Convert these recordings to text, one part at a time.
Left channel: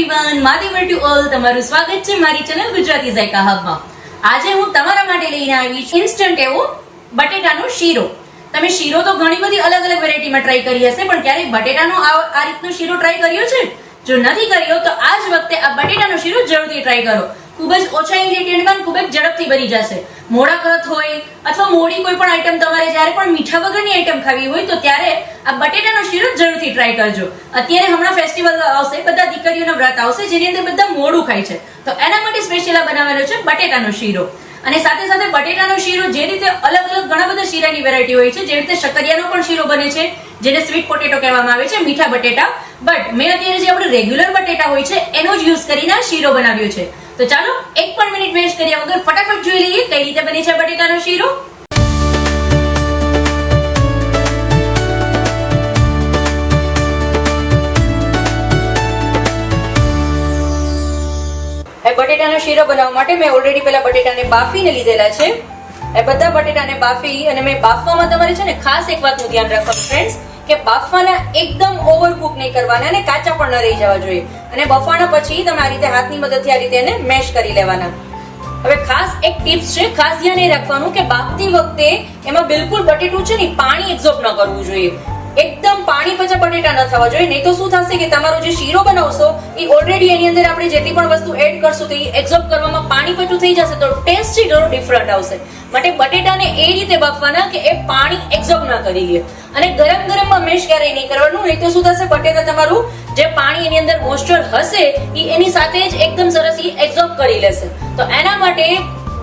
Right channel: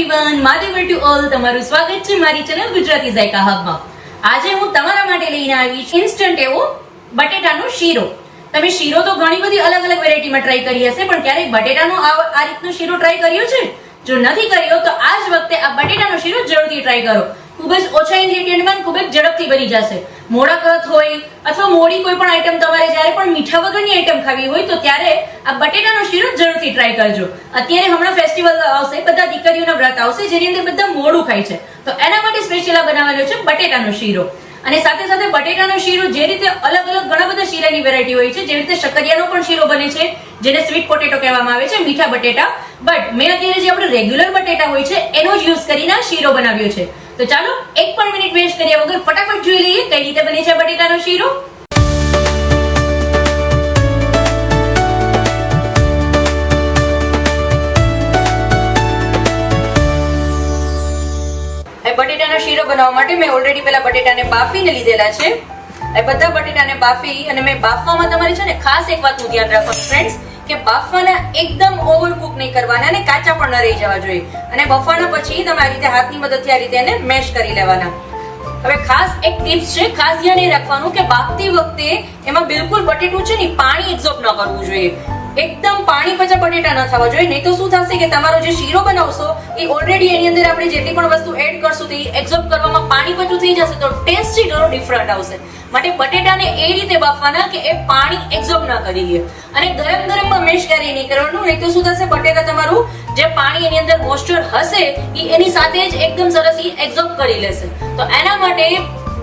Everyone, માધેવર to all તમારું સ્વાગત છે મારી ચેનલ ગુજરાતી ઝાયકા હબમાં. આજે હું તમારા માટે લઈને આવી છું ઇન્સ્ટન્ટ એવો બટેટાનો શીરો. તમે શીરો તો ઘણી બધી અલગ અલગ વેરાયટીમાં ટ્રાય કરી હશે, પણ ક્યારેક બટેટાનો આ રીતનો શીરો ટ્રાય કર્યો છે? જો નથી કર્યો તો આ જ વખતે આ બટેટાનો શીરો જરૂરથી ટ્રાય કરો. ખૂબ જ ઓછા ઇન્ગ્રેડિયન્ટમાં ખૂબ જ ઝડપથી બની જશે. મોડા કળથ હોય અથવા મોડી કોઈ પણ આઈટમ તમારે જ્યારે પણ મીઠા વગરની આઈટમ ખાવી હોય તો ત્યારે આ બટેટાનો શીરો જરૂરથી ટ્રાય કરજો. અત્યારે હમણાં ફેસ્ટિવલ આવશે, બધા દીકરીઓના વ્રત આવશે જેની અંદર બધા મોડું ખાય છે, તો એના માટે સ્પેશિયલ આ બનાવેલો છે બટેટાનો શીરો. અને સાથે સાથે બટેટાનો શીરો જે રીતે અલગ અલગ ઘણા બધા શીરાની વેરાયટી હોય છે, જે રીતે શક્કરિયાનો પણ શીરો બને છે જેને સ્વીટ પોટેટો કહેવામાં આવે છે, મીઠા બટેટા. બટ મેં અત્યારે જે આપણે રેગ્યુલર બટેટા હોય છે એનો જ યુઝ કરીને આ શીરો બનાવ્યો છે. તો ચાલો એક પણ મિનિટ વેસ્ટ કર્યા વગર ફટાફટ જોઈ લઈએ કઈ રીતે બને છે બટેટાનો શીરો. બટેટાનો શીરો બનાવવા માટે મેં ઓલરેડી પેલા બટેટાને બાફીને લીધેલા છે. એ બધા બટેટાને બાફી અને મેં બાફવામાં તમારે છે ને ખાસ એક વાતનું ધ્યાન રાખવાનું ફ્રેન્ડ્સ, કે બાફવાના એકદમ ઓવરકુક નહીં કરવાના અને કાચા પણ ન રહી જવા જોઈએ. અને બફાણા પછી તમે આ રીતે હાથની મદદથી આ રીતે એને મેશ કરી લેવાના. હવે ખાસ એક ટિપ્સ છે, ખાસ ધ્યાન એ રાખવાનું કે બાફતી વખતે એમાં બિલકુલ બટેટું છે ને પાણી એબ્ઝોર્બ ન કરવું જોઈએ. એકદમ પાણી પચા બટેટા ન થવા જોઈએ, નહીં તો શું થશે કે તમારો જે શીરો બનાવશો એ ઓલરેડી એની અંદર આપણે જેટલી પણ વસ્તુ એડ કરશું તો એ એબ્ઝોર્બ કરવામાં પાણી પચું થઈ જશે, તો ટેસ્ટ છે ઘણો ડિફરન્ટ આવશે. માટે બટેટાને એ રીતે બાફવાના કે એ પાણી એબ્ઝોર્બ ના કરી લે. અને ગરમ ગરમમાં મેશ ક્યારેય નહીં કરવાનું, નહીં તો શું થશે બટેટા તમારું જે પાણી એની અંદર મોઇસ્ચર હશે એ એની સાથે જ એકદમ સરસ એ એબ્ઝોર્બ કરી લેશે. તો એના માટે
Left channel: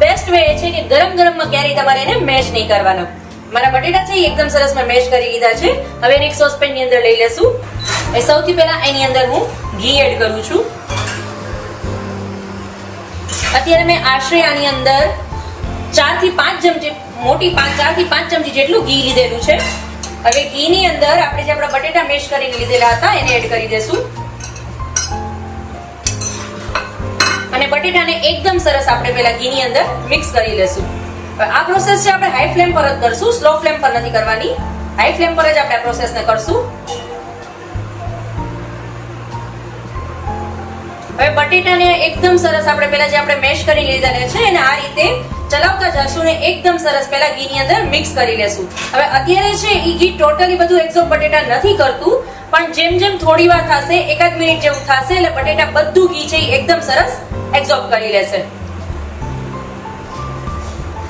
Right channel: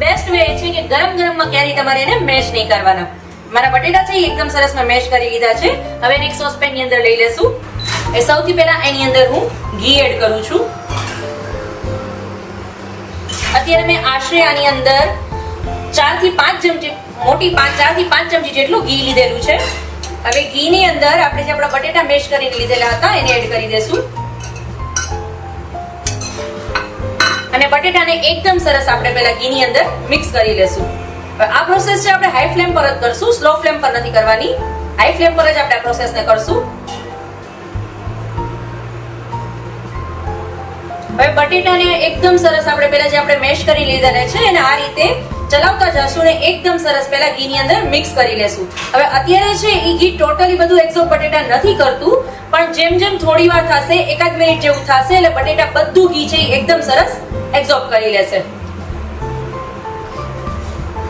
બેસ્ટ વે છે કે ગરમ ગરમમાં ક્યારેય તમારે એને મેશ નહીં કરવાના. મારા બટેટા છે એકદમ સરસ મેં મેશ કરી લીધા છે. હવે એક સોસપેન ની અંદર લઈ લેશું. એ સૌથી પહેલા એની અંદર હું ઘી એડ કરું છું. અત્યારે મેં આશરે આની અંદર 4 થી 5 ચમચી મોટી 4 થી 5 ચમચી જેટલું ઘી લીધેલું છે. હવે ઘી ની અંદર આપણે જે આપણા બટેટા મેશ કરીને લીધેલા હતા એને એડ કરી દેશું. અને બટેટાને એકદમ સરસ આપણે પહેલા ઘી ની અંદર મિક્સ કરી લેશું. આ પ્રોસેસ છે આપણે હાઈ ફ્લેમ પર જ કરશું, સ્લો ફ્લેમ પર નથી કરવાની. હાઈ ફ્લેમ પર જ આપણે આ પ્રોસેસને કરશું. હવે બટેટાને એકદમ સરસ આપણે પહેલા જે આપણે મેશ કરી લીધા છે એને આ રીતે ચલાવતા જશું ને એકદમ સરસ પહેલા ઘી ની અંદર મિક્સ કરી લેશું. હવે અત્યારે છે એ ઘી ટોટલી બધું એબ્ઝોર્બ બટેટા નથી કરતું, પણ જેમ જેમ થોડી વાર થશે, એકાદ મિનિટ જેવું થશે એટલે બટેટા બધું ઘી છે એકદમ સરસ એબ્ઝોર્બ કરી લેશે.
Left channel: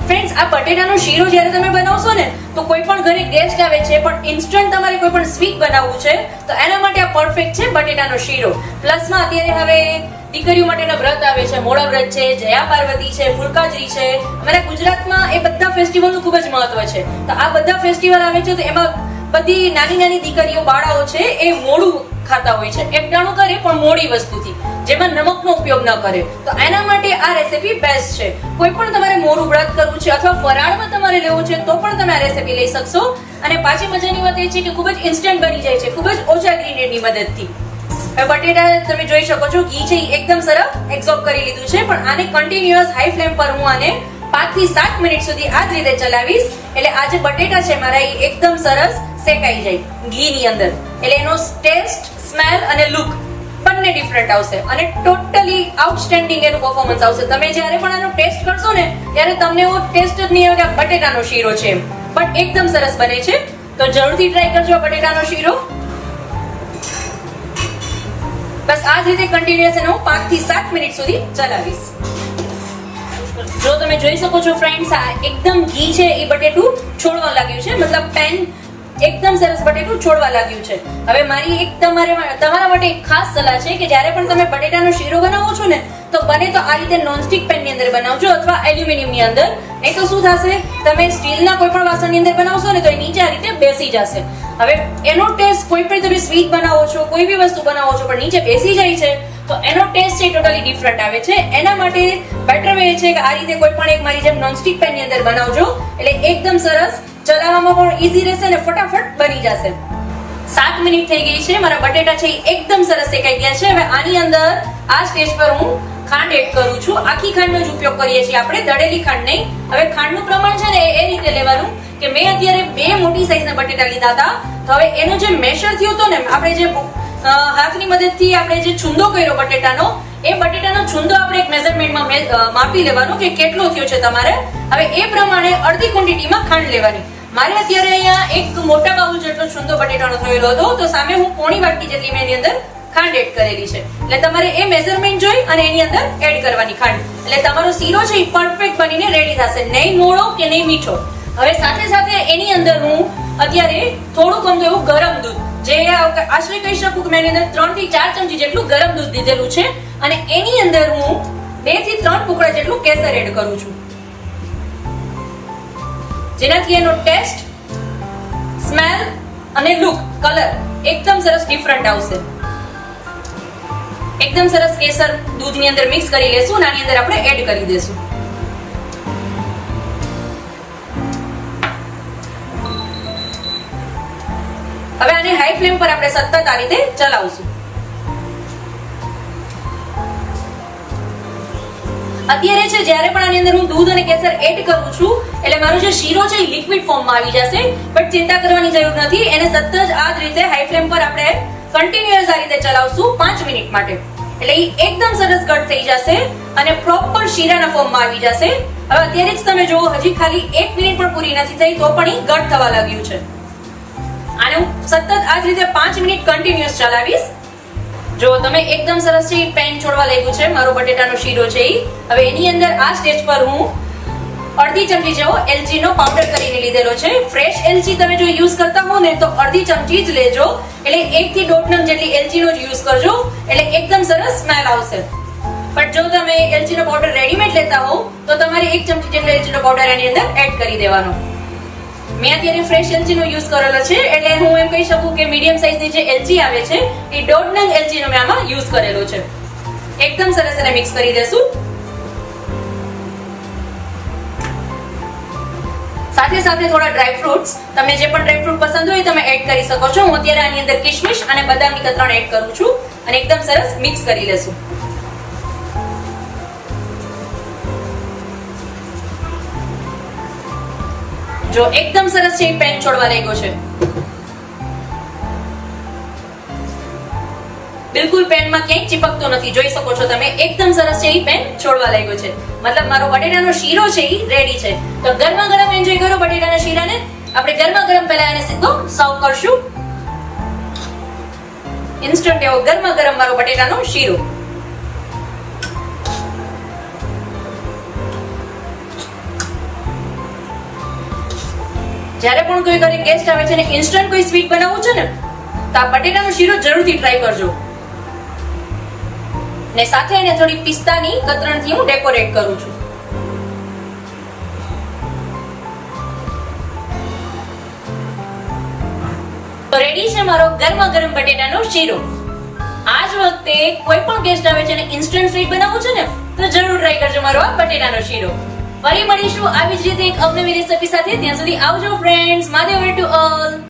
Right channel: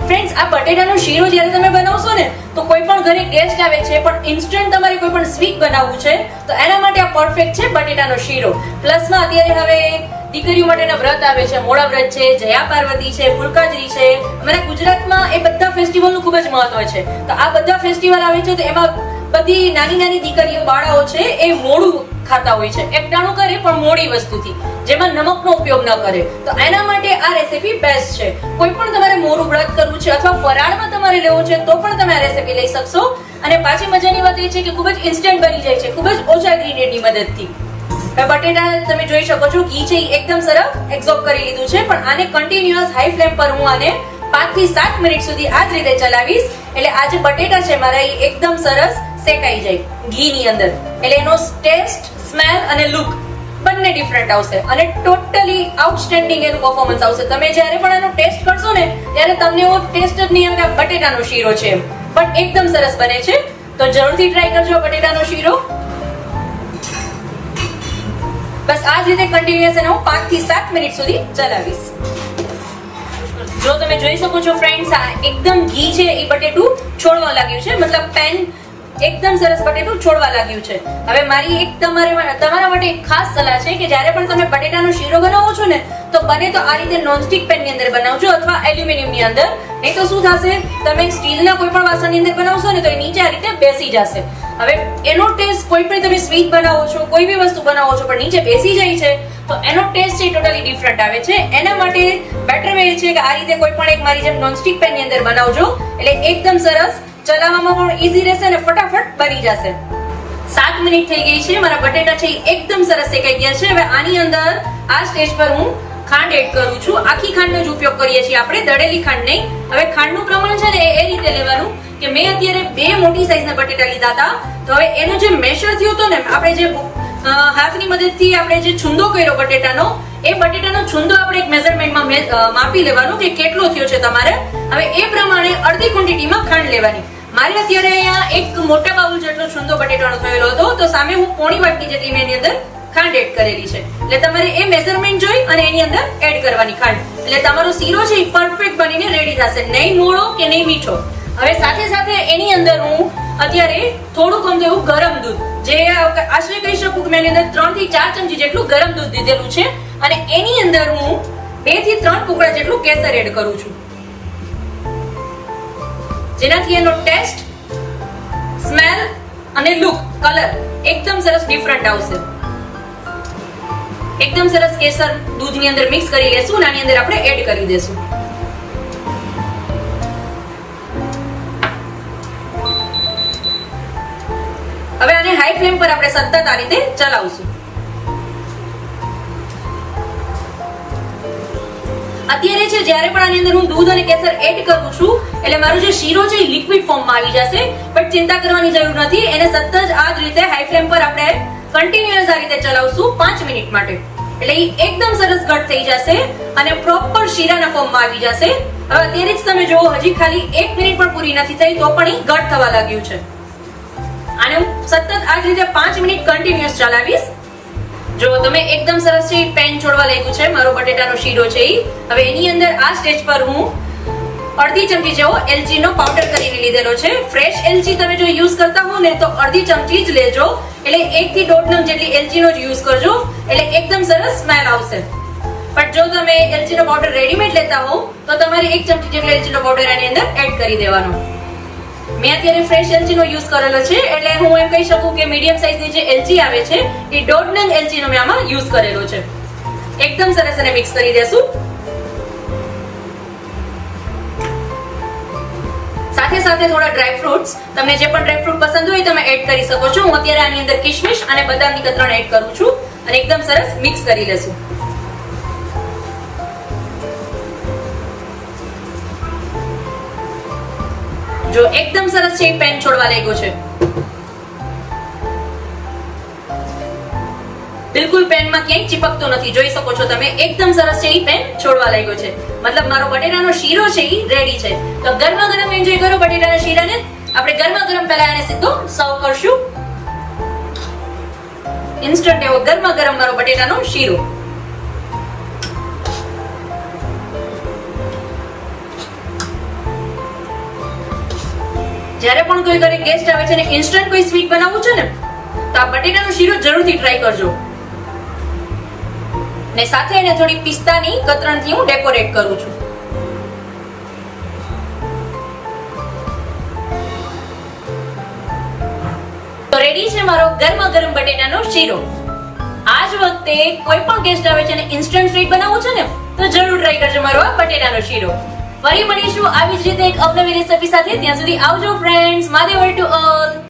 ફ્રેન્ડ્સ, આ બટેટાનો શીરો જ્યારે તમે બનાવશો ને તો કોઈ પણ ઘરે ગેસ્ટ આવે છે પણ ઇન્સ્ટન્ટ તમારે કોઈ પણ સ્વીટ બનાવવું છે તો એના માટે આ પરફેક્ટ છે બટેટાનો શીરો. પ્લસમાં અત્યારે હવે દીકરીઓ માટેના વ્રત આવે છે, મોડા વ્રત છે, જયા પાર્વતી છે, ફુલકાજરી છે. અમારા ગુજરાતમાં એ બધા ફેસ્ટિવલનું ખૂબ જ મહત્વ છે. તો આ બધા ફેસ્ટિવલ આવે છે તો એમાં બધી નાની નાની દીકરીઓ બાળાઓ છે એ મોડું ખાતા હોય છે, એકટાણું કરે પણ મોડી વસ્તુથી, જેમાં નમકનો ઉપયોગ ન કરે. તો એના માટે આ રેસીપી બેસ્ટ છે. કોઈ પણ તમારે મોરું વ્રત કરવું છે અથવા ફરાળમાં તમારે લેવું છે તો પણ તમે આ રેસીપી લઈ શકશો. અને પાછી મજાની વાત એ છે કે ખૂબ જ ઇન્સ્ટન્ટ બની જાય છે, ખૂબ જ ઓછા ઇન્ગ્રેડિયન્ટની મદદથી. બટેટા તમે જોઈ શકો છો ઘી છે એકદમ સરસ એબ્ઝોર્બ કરી લીધું છે, પણ આને કન્ટિન્યુઅસ હાઈ ફ્લેમ પર હું આને 5 થી 7 મિનિટ સુધી આ જ રીતે ચલાવીશ. એટલે આ જે બટેટા છે મારા એ એકદમ સરસ શેકાઈ જાય ઘી ની અંદર, એટલે એનો ટેસ્ટ, સ્મેલ અને લુક બંને ડિફરન્ટ આવશે અને ટોટલી આઉટસ્ટેન્ડિંગ એનું પરફોર્મન્સ આવશે. તમે જ્યારે પણ આનો ટેસ્ટ કરશો ને ત્યારે તમને એવો ટેસ્ટ જ નહીં આવે કે બટેટાનો શીરો છે, પણ એકદમ સરસ બને છે. તો જરૂરથી ટ્રાય કરજો બટેટાનો શીરો. બસ આ જ રીતે કન્ટિન્યુઅસ હું 5 થી 7 મિનિટ સુધી ચલાવીશ. જો તમે જોઈ શકો છો ફ્રેન્ડ્સ, આ એકદમ ઘી છે એ બટેટું છોડવા લાગ્યું છે, મતલબ પેન એકદમ સરસ બટેટું છોડવા લાગ્યું છે. હવે મારી એક તમારા માટે એક ખાસ સલાહ છે કે જ્યારે પણ તમે બટેટાનો શીરો બનાવો છો ને તો બને તો આ રીતે નોનસ્ટિક પેન ની અંદર બનાવજો અથવા એલ્યુમિનિયમ ની અંદર. નહીં તો શું થશે, તમે સ્ટીલના કોઈ પણ વાસણની અંદર બનાવશો ને તો એ નીચે આ રીતે બેસી જશે. હવે એનો ટેસ્ટ કોઈ પણ તમે સ્વીટ બનાવો છો, કોઈ બી વસ્તુ બનાવો છો પણ નીચે બેસી જાય છે તો એનો ટેસ્ટ છે ટોટલી ડિફરન્ટ આવે છે. એના માટે બેટર વે છે કે આ રીતે કોઈ પણ એક મારી જેમ નોનસ્ટિક પેન ની અંદર બનાવજો, એટલે એકદમ સરસ ચલાવવામાં પણ ઈઝી રહેશે અને ફટાફટ બની જશે. 7 મિનિટ થઈ ગઈ છે, મારા બટેટા છે એકદમ સરસ શેકાઈ ગયા છે. હવે આની અંદર આ સ્ટેજ પર હું ખાંડ એડ કરું છું. આખી ખાંડનો જ ઉપયોગ કરીએ છીએ આપણે, દળેલી ખાંડ નહીં. હવે ખાંડનું પ્રમાણ છે ને એ રીતે લેવાનું કે મેં અત્યારે 2 મોટી સાઈઝના બટેટા લીધા હતા, તો હવે એનો જે મેશર થયો હતો ને, આપણે જે હાથની મદદથી આપણે જે છુંદો કર્યો બટેટાનો, એ બટેટાનો છુંદો આપણે એક મેઝરમેન્ટમાં માપી લેવાનો કે કેટલો થયો છે તમારે. હવે એ પ્રમાણે અડધી ક્વોન્ટિટીમાં ખાંડ લેવાની. મારે અત્યારે અહીંયા એક મોટા બાઉલ જેટલો છુંદો બટેટાનો થયેલો હતો, તો સામે હું પોણી વાટકી જેટલી મેં એની અંદર ખાંડ એડ કરેલી છે. એટલે તમારે એ મેઝરમેન્ટ જોઈ અને એની અંદર એડ કરવાની ખાંડ. એટલે તમારો શીરો છે એ પરફેક્ટ બનીને રેડી થશે, નહીં મોળો કે નહીં મીઠો. હવે સાથે સાથે એની અંદર હું અત્યારે થોડું ગમતું એવું ગરમ દૂધ, જે આશરે કહી શકું કે મેં એની અંદર 3 થી 4 ચમચી જેટલું ગરમ દૂધ દીધેલું છે, અને એની અંદર હું 2 થી 3 ટુકડા જેટલું કેસર એડ કરું છું, જેનાથી એનો ટેસ્ટ, સ્મેલ અને લુક, કલર એકદમ સરસ ડિફરન્ટ આવશે. એકદમ સરસ કેસર દૂધની અંદર મિક્સ કરી લેશું અને આની અંદર આપણે એડ કરી દેશું. હવે આને હાઈ ફ્લેમ પર આપણે સતત આ રીતે ચલાવશું. અત્યારે છે જ્યારે પણ આની અંદર હું દૂધ અને કેસર એડ કરું છું એટલે મારો જે શીરો છે એ લિક્વિડ ફોર્મમાં આવી જશે, પણ ચિંતા કરવાની જરૂર નથી. એને સતત આ જ રીતે હાઈ ફ્લેમ પર આપણે કન્ટિન્યુઅસ આ રીતે ચલાવશું 5 મિનિટ માટે, એટલે એ એકદમ સરસ ઘટ થઈ જશે અને પ્રોપર શીરાના ફોર્મમાં આવી જશે. હવે અત્યારે જ તમે જુઓ, હજી ખાલી 1 મિનિટ પણ પૂરી નથી થઈ તો પણ એ ઘટ થવા લાગ્યું છે. આને હું સતત આ જ રીતે 5 મિનિટ કન્ટિન્યુઅસ ચલાવીશ. જો તમે એકદમ સરસ છે પેન છોડવા લાગ્યું છે મારો બટેટાનો શીરો છે ઈ. હવે એની અંદર આ સ્ટેજ પર હું અડધી ચમચી જેવો એલચી નો પાવડર કરીને લીધેલો છે. ફ્રેશ એલચી તમે જો યુઝ કરતા હો ને તો અડધી ચમચી જ લેજો, એટલે 1 થી 1.5 નંગ જેટલી એલચી નો જ યુઝ કરજો, એટલે એકદમ સરસ સ્મેલ આવશે. પણ જો તમે એલચી નો પાવડર રેડીમેડ લેતા હો તો તમારે 1 ચમચી જેટલો એલચી નો પાવડર આની અંદર એડ કરી દેવાનો. મેં અત્યારે ફ્રેશ એલચી નો યુઝ કરેલો છે, એટલે હું એમ કહી શકું કે મીડિયમ સાઈઝની જે એલચી આવે છે એ 1.5 નંગ એલચી નો મેં આમાં યુઝ કરેલો છે. એકદમ સરસ એને મિક્સ કરી દેશું. સાથે સાથે થોડા ડ્રાય ફ્રૂટ્સ, તમને જે પણ ડ્રાય ફ્રૂટ પસંદ હોય તમે એડ કરી શકો છો. હું અત્યારે આની અંદર કિશમિશ અને બદામની કતરણ એડ કરું છું અને એકદમ સરસ મિક્સ કરી લેશું. જો એકદમ સરસ છે પેન છોડવા લાગ્યો છે, બિલકુલ પેનમાં ક્યાંય ચીપકતો નથી. જોઈ શકો છો તમે, એકદમ સરસ છે પેન છોડવા લાગ્યો છે. મતલબ મારો બટેટાનો શીરો છે એ રેડી છે. તો ગરમા ગરમ એન્જોય કરો બટેટાના શીરાને. આપણે ગરમા ગરમ પહેલા એને સીધો સર્વ કરશું. ઇન્સ્ટન્ટ એવો ગરમા ગરમ મારો બટેટાનો શીરો. જ્યારે પણ કોઈ ઘરે ગેસ્ટ આવે છે ને ઇન્સ્ટન્ટ કોઈ સ્વીટ બનાવવું છે ને તો આ બટેટાનો શીરો જરૂરથી ટ્રાય કરજો. ને સાથે એને થોડી પિસ્તાની કતરણથી હું ડેકોરેટ કરું છું. તો રેડી છે મારો ગરમા ગરમ બટેટાનો શીરો. આજ વખતે કોઈ પણ ગેસ્ટ આવે છે ને ઇન્સ્ટન્ટ સ્વીટ બનાવવું છે ને તો જરૂર ટ્રાય કરજો મારો આ બટેટાનો શીરો. ફરી મળીશું આવી જ રીતે એક અવનવી રેસીપી સાથે. ત્યાં સુધી આવજો ફ્રેન્ડ્સ. Mahadev to all.